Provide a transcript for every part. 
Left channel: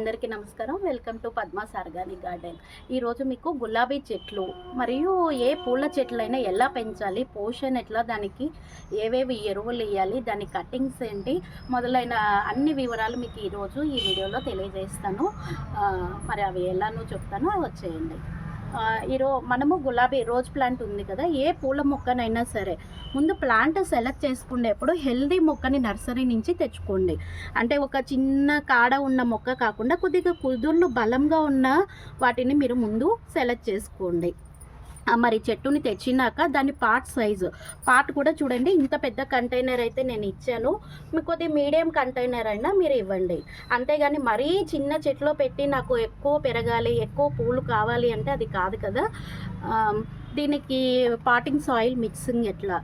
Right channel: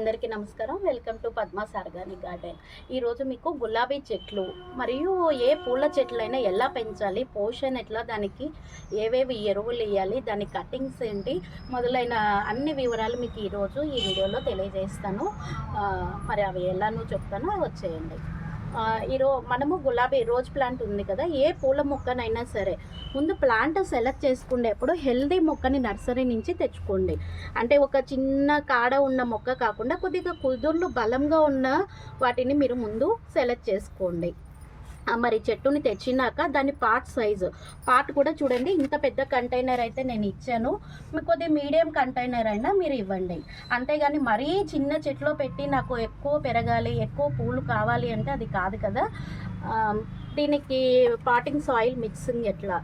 అందరికీ నమస్కారం. Welcome to Padma's organic garden. ఈరోజు మీకు గులాబీ చెట్లు మరియు ఏ పూల చెట్లైనా ఎలా పెంచాలి, పోషణ ఎట్లా, దానికి ఏవేవి ఎరువులు వేయాలి, దాని కటింగ్స్ ఏంటి మొదలైన అన్ని వివరాలు మీకు ఈరోజు ఈ వీడియోలో తెలియజేస్తాను. మరి అవి ఎలానో చెప్తాను, వచ్చేయండి. మనము గులాబీ రోజ్ ప్లాంట్ ఉంది కదా, ఏ పూల మొక్కనైనా సరే ముందు ప్లాంట్ సెలెక్ట్ చేసుకునేప్పుడు హెల్దీ మొక్కని నర్సరీ నుంచి తెచ్చుకోండి. అంటే ఒక చిన్న కాడ ఉన్న మొక్క కాకుండా కొద్దిగా కుదుర్లు బలంగా ఉన్న వాటిని మీరు ముందు సెలెక్ట్ చేసుకోండి. మరి చెట్టుని తెచ్చినాక దాని పార్ట్ కూడా చూడండి. ఇంత పెద్ద కంటైనర్ అయితే నేను ఇచ్చాను, మీకు కొద్దిగా మీడియం కంటైనర్ అయినా మీరు ఇవ్వండి. అంతేగాని మరీ చిన్న చెట్లో పెట్టి నాకు ఎక్కువ పెరగాలి, ఎక్కువ పూలు కావాలి అంటే అది కాదు కదా. దీనికి పాటింగ్ సాయిల్ మిక్సింగ్ ఎట్లా,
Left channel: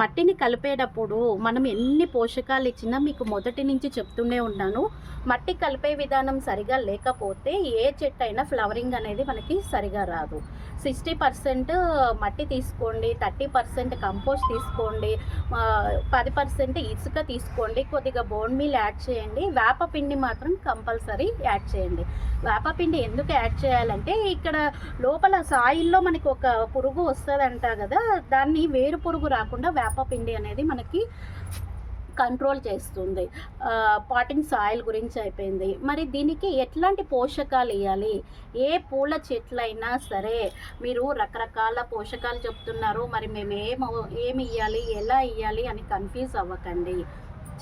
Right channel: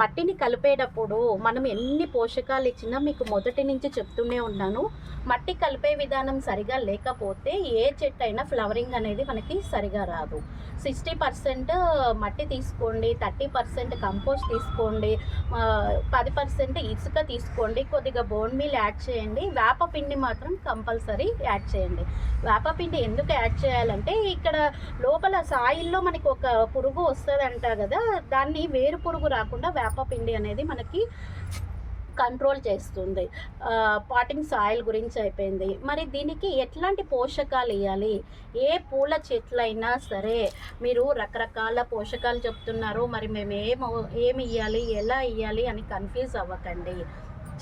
మట్టిని కలిపేటప్పుడు మనం ఎన్ని పోషకాలు ఇచ్చినా మీకు మొదటి నుంచి చెప్తూనే ఉన్నాను, మట్టి కలిపే విధానం సరిగా లేకపోతే ఏ చెట్టు అయినా ఫ్లవరింగ్ అనేది మనకి సరిగా రాదు. 60% మట్టి తీసుకోండి, 30% కంపోస్ట్ తీసుకోండి, 10% ఇసుక తీసుకోండి, కొద్దిగా బోన్ మీల్ యాడ్ చేయండి, వేపపిండి మాత్రం కంపల్సరీ యాడ్ చేయండి. వేపపిండి ఎందుకు యాడ్ చేయాలంటే ఇక్కడ లోపల సాయిల్లో మనకి ఒక పురుగు వస్తుందంట కదా, దాన్ని వేరు పురుగు రాకుండా వేపపిండి అనేది మనకి కంట్రోల్ చేస్తుంది. పాటింగ్ సాయిల్ గురించి అయిపోయింది. మరి దీనికి ఎట్లాంటి పోషకాలు ఇవ్వాలి, ఏ పూల చెట్లైనా సరే మీరు రకరకాల పోషకాలు చెప్తున్నారు, మరి మేము ఏమి ఇవ్వాలి, ఎలా ఇవ్వాలి అని కన్ఫ్యూజ్ అవ్వకండి.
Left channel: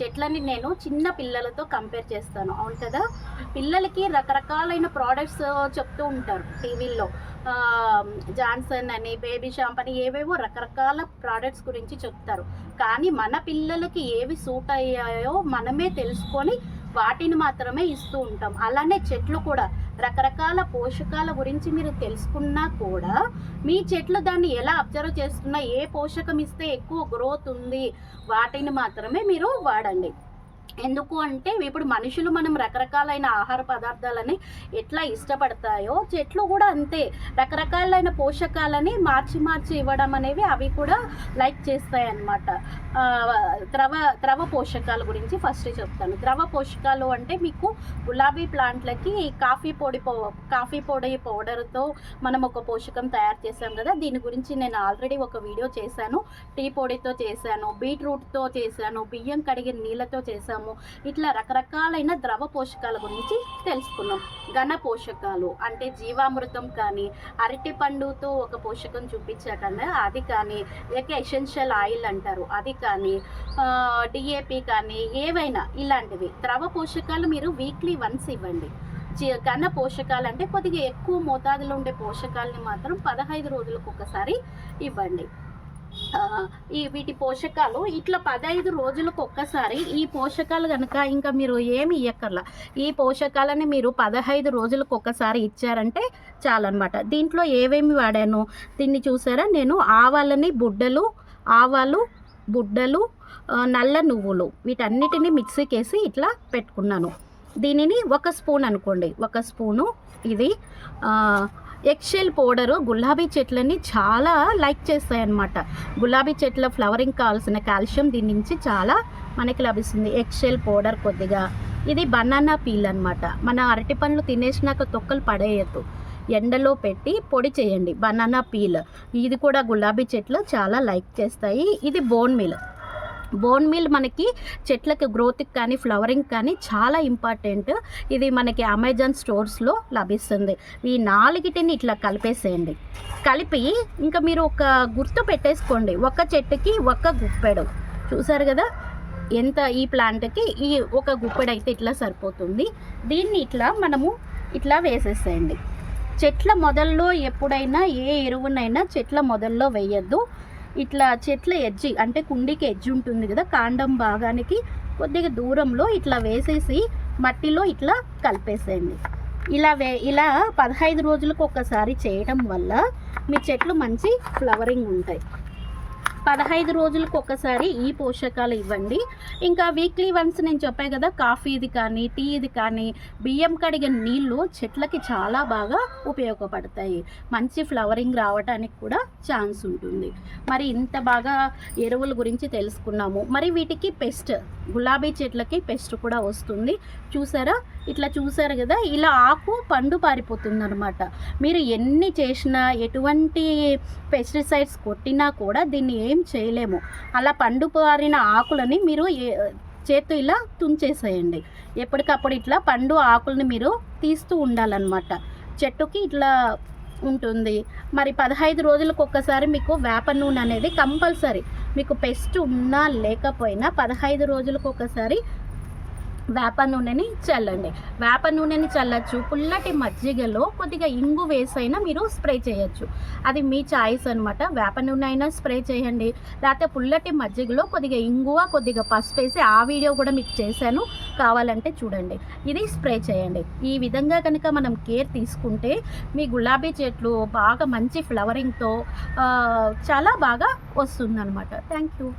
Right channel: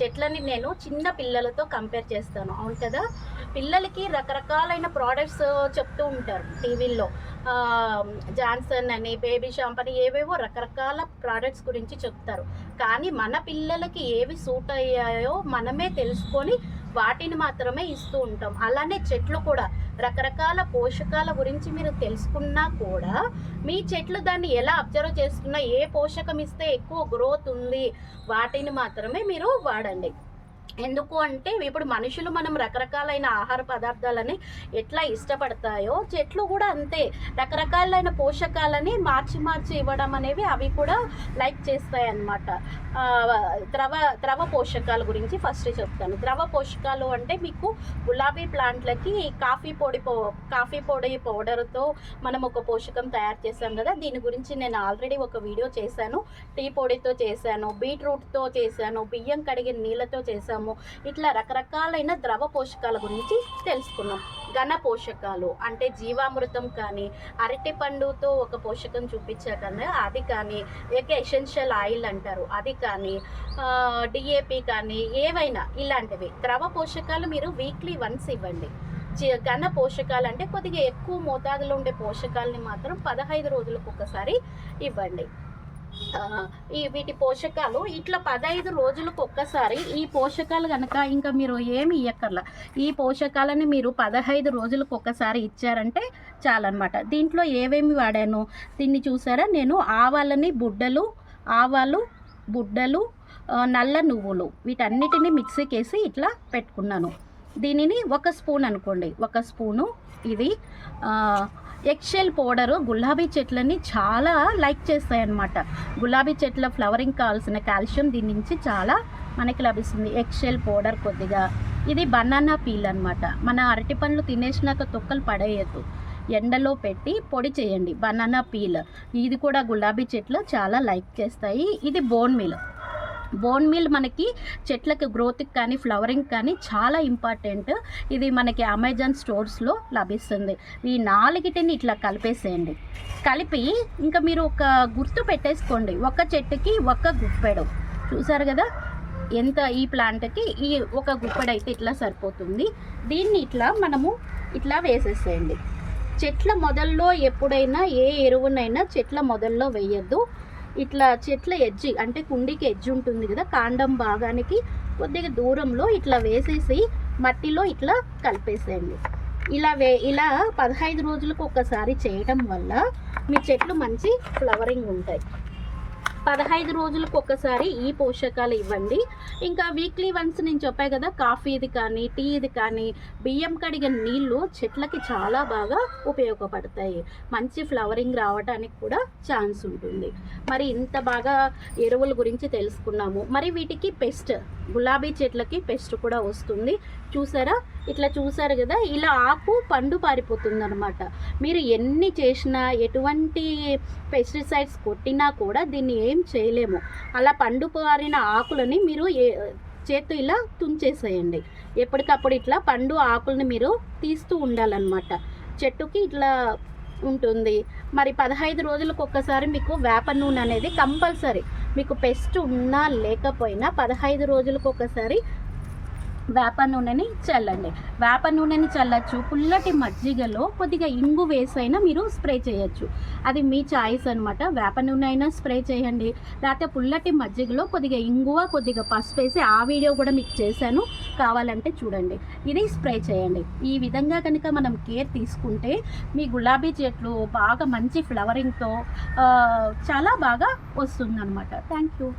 చెట్లని నేను చిన్న పిల్లలతో కంపేర్ చేస్తాను, అవును కదా. పిల్లలకి రకరకాలైన ప్రోడక్ట్స్ చెప్తూ ఉంటారు టీవీల్లో, జాన్సన్ అని, బేబీ షాంప్ అని, ఏవేవో రకరకాల ప్రోడక్ట్స్ గురించి చెప్తారు. కానీ మన పిల్లలకి ఏవి సూట్ అయ్యాయో మనమే తెలుసుకొని వాటిని మాత్రమే ఇస్తూ ఉంటాం. అలానే చెట్లు కూడా రకరకాల పోషకాల గురించి మీరు తెలుసుకున్నా కూడా మీ చెట్లు దాన్ని ఎలా అబ్జర్వ్ చేస్తున్నా, ఏ పోషకం ఇస్తే ఎక్కువ గ్రోత్ ఉంది, వాటిని మాత్రమే మీరు వాడండి. ఎందుకు అంటే ఇప్పుడు మనుషులు మనం రకరకాలైన ఆహార పదార్థాలని ఎట్లా ఇష్టపడతాయో చెట్లు కూడా అంతే రకరకాలైన పోషకాలని మార్చి ఇవ్వడం అనేవి అవి కూడా లైక్ చేస్తాయి అన్నమాట. ద్రవ పోషకాల గురించి ఫస్ట్ చెప్తాను. ద్రవ పోషకాలు అంటే మీకు గులాబీ ప్లాంట్లకి కాఫీ పొడి పౌడర్తో మనం ఒక పోషకం తయారు చేసాం కదా, దీని గురించి నేను ఆల్రెడీ ఒక వీడియో చేశాను. టీ పొడితో చేశాను, బీట్రూట్తో చేశాను, బియ్యం కడిగిన నీళ్ళతో చేశాము. ఇట్లా రకరకాలైన ద్రవ పోషకాల గురించి తెలుసుకున్నాం. ఘన పోషకాలు అంటే జీవామృతం కానీ, అరటి పండుతో ఒక పోషకం చూపించాకనే అది కానీ, ఎసెన్షియల్ ఆయిల్ అంటారు అది కానీ, డిఏపి కానీ, ఏవైనా ఇలాంటివి ద్రవ పోషకాలు మీరు వీక్లీ వన్స్ ఇవ్వండి. ఘన పోషకాలు అంటే కొద్దిగా ఎక్కువ మోతాదులో ఉండే పోషకాలని మాత్రం 15 రోజులకు ఒకసారి ఇవ్వండి. వీటి పోషకాలు ఇట్లా 15 రోజులకు ఒక్కసారి ఈ పోషకాలు కనుక ఇంకా మీరు ఏమి ఇవ్వక్కర్లా, ఈ పోషకాలని మీరు 15 రోజులకు ఒక్కసారి ఇచ్చారంటే చాలన్నమాట. దీంట్లో ఏమేమి వాడాను దీన్ని చూసారా, నేను ఆవాలు బుడ్డలు, నల్ల నువ్వులు వీటన్నిటిని మిక్సీకి వేసి ఇట్లా పెట్టుకున్నాను. దీనిని 1 స్పూన్ అనుకోండి, 1 స్పూను ఇది. ఎగ్షెల్ పౌడరు గులాబీ చెట్లని చాలా లైక్ చేస్తాయి అన్నమాట. గులాబీ చెట్ల ఫ్లవరింగ్ కావాల్సిన కాల్షియం దీని నుంచి చాలా మనకి లభిస్తుంది. ఎగ్షెల్ పౌడర్ కొద్దిగా. ఇది బనానా పీల్ అన్నమాట. మన అరటి పండ్లు తినేసినాక తొక్కలు పడేయద్దు, ఎండలో పెట్టి పొడి చేయండి. బనానా పీల్ ఇది కూడా గులాబీ చెట్లు చాలా లైక్ చేస్తాయి. ఇది బోన్ మీల్ మనకి చెట్లకి గ్రోత్కి కానీ ఫ్లవరింగ్ కానీ చాలా ఇంపార్టెంట్. ఇది మనకి అమెజాన్ స్టోర్స్లో లభిస్తుంది. ఈ 4టిని ఇట్లా కలిపేసేయండి. కలిపి ఇంకా మీరు ఒక గుర్తు పెట్టేసుకోండి, ఒక చెట్టుకి 1 గుప్పెడు. చూసారు కదా ఎంత, ఈ ప్లాంట్కి ఈ 1 గుప్పెడు అయితే ఇట్లా సరిపోతుంది. దీన్ని ఇట్లా మనము ఇట్లా వేసేసేయండి. చెట్ల మొదల్లో ఎప్పుడైనా ఏ ఎరువునైనా చెట్ల మొదల్లో వేయద్దు. ఇట్లా చెట్ల ఎడ్జి అంటే కుండీకి ఎడ్జి ఉంటుంది కదా, కాండం భాగానికి కొద్దిగా దూరంలో ఇట్లా వేసేసి మట్టిలో ఇట్లా కలిపేసేయండి. ఇలా 15 రోజులకు ఒకసారి చేయడం వల్ల మీ చెట్లు మంచి ఫ్లవరింగ్ ఉంటాయి. 15 రోజులకు ఒకసారి ఈ పోషకాలు ఇవ్వండి. ఇంకా వీక్లీ వన్స్ నేను చెప్పాను కదా, కాఫీది కానీ టీది కానీ, బియ్యం కడిగిన నీళ్ళు చెట్లకి చాలా బాగా ఉపయోగపడతాయి. మంచి ఫ్లవరింగ్ రావడానికి కూడా ఛాన్స్ ఉంటుంది. మరి ఇంత బాగా ఎరువుల గురించి తెలుసుకున్నాము. మరి వీటికి గులాబీ చెట్లకి పెస్ట్ కూడా వస్తుంది. చూసారా ఇట్లా చూసారు కదా, ఇలా ఆకు పండు పారిపోతుందనమాట. మీరు ఎన్ని చేసినా, ఎటువంటి పెస్టిసైడ్స్ కొట్టినా కూడా దీన్ని ఏం చేయలేము. అలా పండు పారిన ఆకులని మీరు చేత్తో ఇలా తుంచేసేయండి. ఎప్పటికప్పుడు ఇట్లా పండు ఆకుల్ని మీరు తీస్తూ ఉండాలన్నమాట. చెట్టుకి ఇట్లా ఉంటుంది. మరి 15 రోజులకు ఒక్కసారి మీకు వేప నూనె అనేది కంపల్సరీ. మీకు పెస్ట్ ఉన్నా లేకపోయినా 15 రోజులకు ఒకసారి వేప నూనెని చల్లండి. వేప నూనెని చల్లచ్చు. పుల్లటి మజ్జిగలో కొద్దిగా ఇంగు వేసైనా మీరు స్ప్రే చేయొచ్చు. అది మీ చాయిస్ అనమాట. వేప నూనె అయినా స్ప్రే చేయండి, లేకపోతే పుల్లటి మజ్జిగలో కొద్దిగా ఇంగువ, కొద్దిగా పసుపు వేసి ఆ వీడియో కూడా మీకు చేశాను, కావాలంటే చూడండి. ఇది స్ప్రే చేయండి. ఈ విధంగా కనుక మనం కేర్ తీసుకుంటే మీ గులాబీ చెట్లు బాగా మంచి ఫ్లవరింగ్తో చాలా బాగా వస్తుందన్నమాట. Thank you.